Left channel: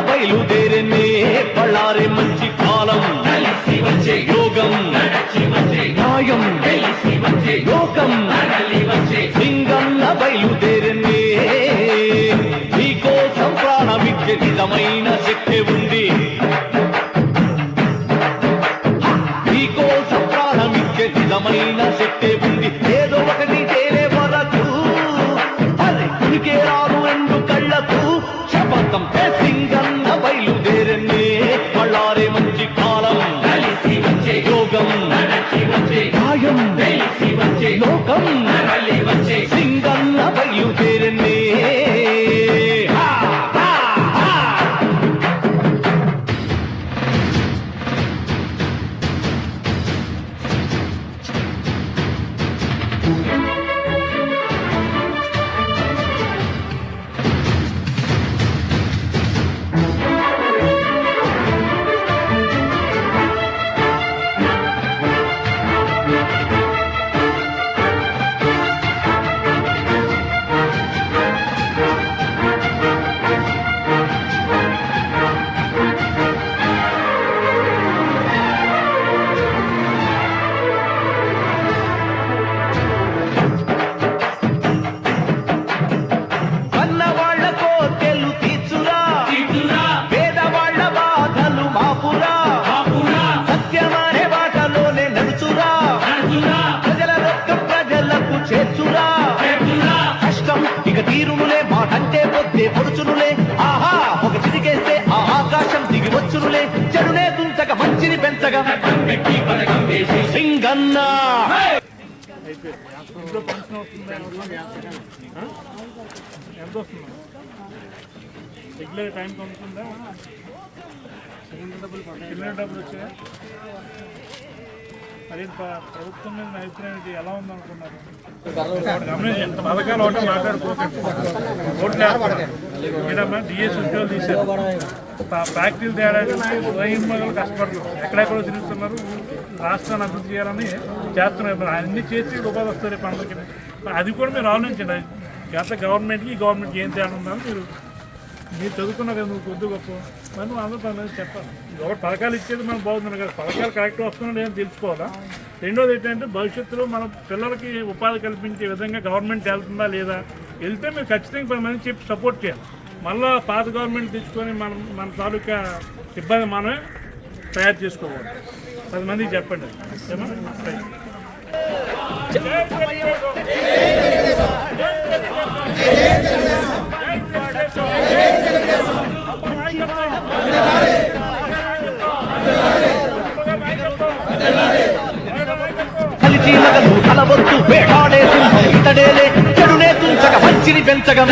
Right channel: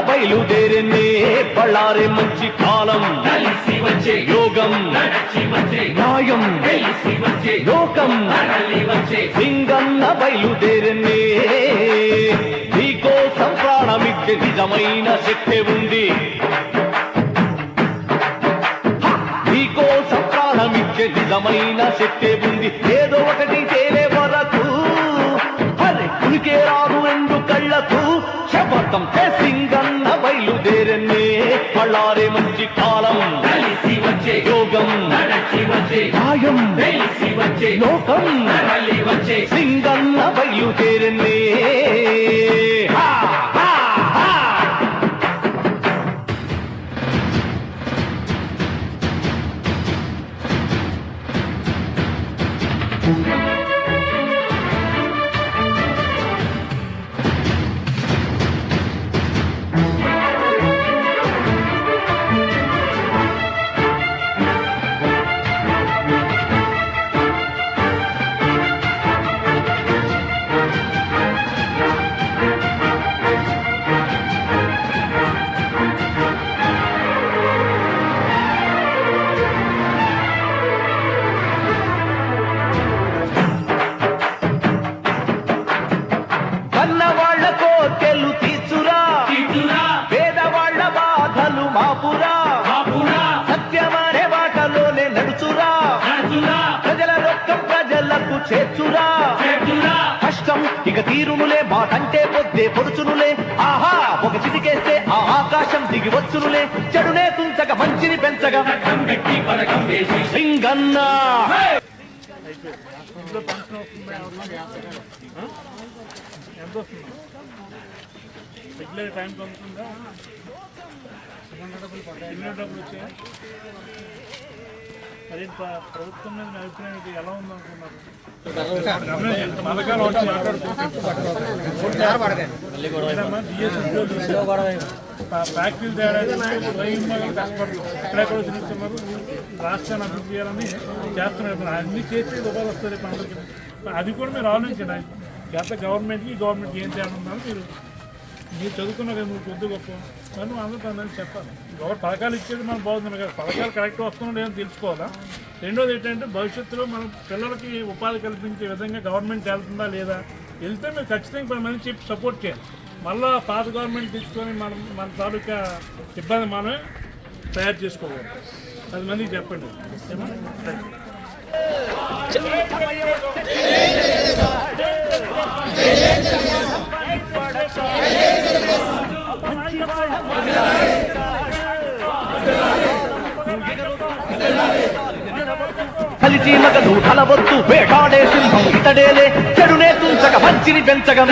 బయలుదేరే బళ్ళారే మంచి కాలం. యోగం న్యాయం లోకం. సింగన్న బయలుదేరే నీకోసం ప్రాణమిచ్చే నిజమైన శక్తి ఉంది. నీకోసం ప్రాణమిచ్చే నిజమైన శక్తి ఉంది. పళ్ళారే మంచి కాలం. యోగం. న్యాయం. లోకం. తరలి వచ్చే సింగన్న బయలుదేరనే కోటెలు తీర్చురా ఇటురా పేదవాళ్ళ బాధలు మాపురా. సత్యమనే బాటలోనే నడుచురా. ప్రజల రక్తం ప్రజలకు చేర్చురా. కష్టం ఇక తీరునులే మాటంటే పొద్దే పొడుచునులే. ఆహా ఒక చిటికేస్తే ఆ ఆకాశం దిగి వచ్చునులే. చెడునే తుంచక మంచిని పెంచగా సింగన్నా. ఇంట్లో పెన్షన్ రెగ్యులర్ టైం అందుతుందా సిలిండర్ డబ్బులు సిలిండర్ డబ్బులు వచ్చాయా అదే ప్రభుత్వం మీద మీ అభిప్రాయం ఎలా ఉందనుకున్నారు పథకాలు ఒకటే మాట్లాడుకోకండి డిఎస్ ఉద్యోగాలు తీశారు ఫ్యాక్టరీలు తేడానికి స్వయం కష్టపడుతున్నారు ఎక్కడెక్కడో తిరుగుతున్నారు రాష్ట్రాన్ని అభివృద్ధి చేయాలని చేస్తున్నారు మరి అన్ని చేసి ఉపాధి వస్తుంది పండుగకి అది కూడా మీరు ఆలోచించండి. గత గవర్నమెంట్కి గవర్నమెంట్కి ఏం తేడా ఉందని మీరు మీరు చదువుకున్నారు కదా నువ్వు కొద్ది గొప్ప. మరి నువ్వు అందరూ చెప్పాలి. ఎవరు పథకాలు ఇచ్చేది మనం బాగుంది కదా. పథకాలు కరెక్ట్ వస్తున్నా లేదని తెలుసుకోవాలా? రెండోది ఏంటంటే భవిష్యత్తులో మనం పిల్లలకి ఉపాధి కల్పించే విధంగా గవర్నమెంట్ వెళ్తుందా లేదా? వెళ్తే మీరు ఖచ్చితంగా పది మంది చెప్పి సపోర్ట్ చేయాలి. మళ్ళా పాత గవర్నమెంట్ తెచ్చుకొని మనం మన తాలూకా ఇబ్బంది మనమే తయారు చేసుకోకూడదు పది మందికి చెప్పండి. ఏమో? రైట్. కలవద్దు వేటాడే సింహం ఇతడేలే చెడునే తుంచక మంచిని పెంచగం